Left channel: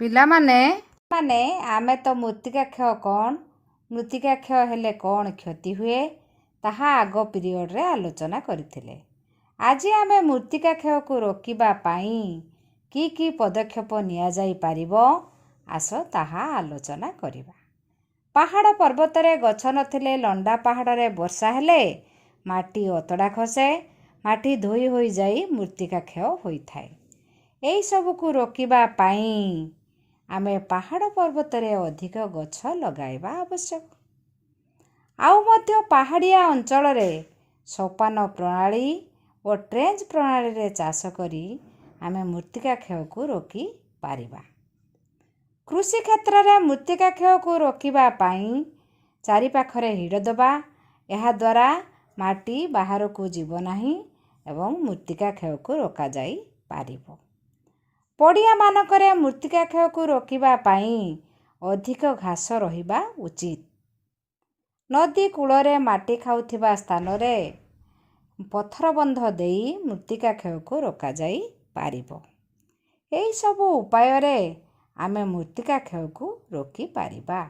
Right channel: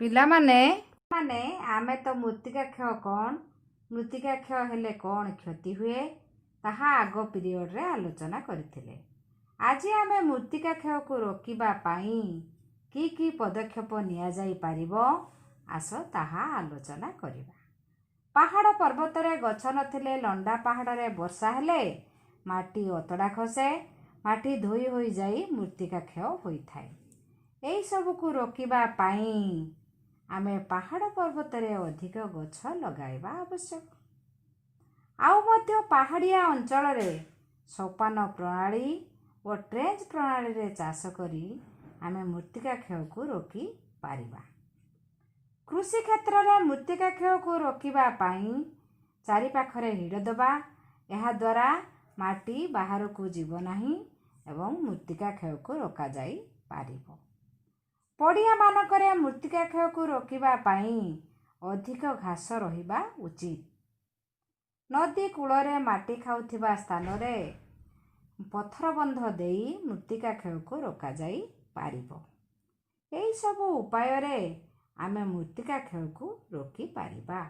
ପିଲାମାନେ ମାନେ ଆମେ ତ ମୃତ୍ତିକା କ୍ଷୟ କ'ଣ, ମୃତ୍ତିକା କ୍ଷୟ ହେଲେ କ'ଣ କ୍ଷତି ହୁଏ ତାହା ଆଗ ପିରିୟଡ଼ରେ ଆଲୋଚନା କରିଥିଲେ। ଆଜି ଆମେ ମୃତ୍ତିକା କ୍ଷୟକୁ ରୋକିବା ପାଇଁ କି ପଦକ୍ଷେପ ନିଆଯାଇପାରିବ ଆସ ତାହା ଆଲୋଚନା କରିବା। ପାହାଡ଼ ପର୍ବତରେ ଗଛ ନଥିଲେ ଲଣ୍ଡା ପାହାଡ଼ରେ ବର୍ଷା ହେଲେ ମାଟି ଅତଡ଼ା ଖସେ, ମାଟି ଧୋଇ ହୋଇଯାଇ ମୃତ୍ତିକା କ୍ଷୟ ହୋଇଥାଏ। ଏହିସବୁକୁ ରୋକିବା ପାଇଁ ଆମେ ପାହାଡ଼ ପର୍ବତରେ ଅଧିକ ଗଛ ଲଗାଇବା ଆବଶ୍ୟକ। ଆଉ ମଧ୍ୟ ପାହାଡ଼ିଆ ଅଞ୍ଚଳରେ ସୋପାନ ପ୍ରଣାଳୀ ଓ ଟ୍ରେଞ୍ଚ ପ୍ରଣାଳୀରେ ଚାଷ କରି ଆମେ ମୃତ୍ତିକା କ୍ଷୟକୁ ରୋକିପାରିବା। କୃଷି କ୍ଷେତ୍ରରେ ମୃତ୍ତିକା କ୍ଷୟକୁ ରୋକିବା ପାଇଁ ଚାରିପାଖରେ ହିଡ଼ ଦେବା, ଏହାଦ୍ୱାରା ମାଟି ବାହାରକୁ ଯିବ ନାହିଁ ଏବଂ ମୃତ୍ତିକା କ୍ଷୟକୁ ରୋକାଯାଇପାରିବ। ପଡ଼ିଆମାନଙ୍କରେ ମୃତ୍ତିକା କ୍ଷୟକୁ ରୋକିବା ପାଇଁ ଅଧିକ ଘାସ ରହିବା ଉଚିତ। ନଦୀ କୂଳରେ ମାଟି ଖାଉଥିବା ସ୍ଥାନରେ ପଥର ବନ୍ଧ ଦେଇ ମୃତ୍ତିକା କ୍ଷୟକୁ ରୋକାଯାଇପାରିବ। ଏହିସବୁ ଉପାୟରେ ଆମେ ମୃତ୍ତିକା କ୍ଷୟକୁ ରୋକିପାରିବା।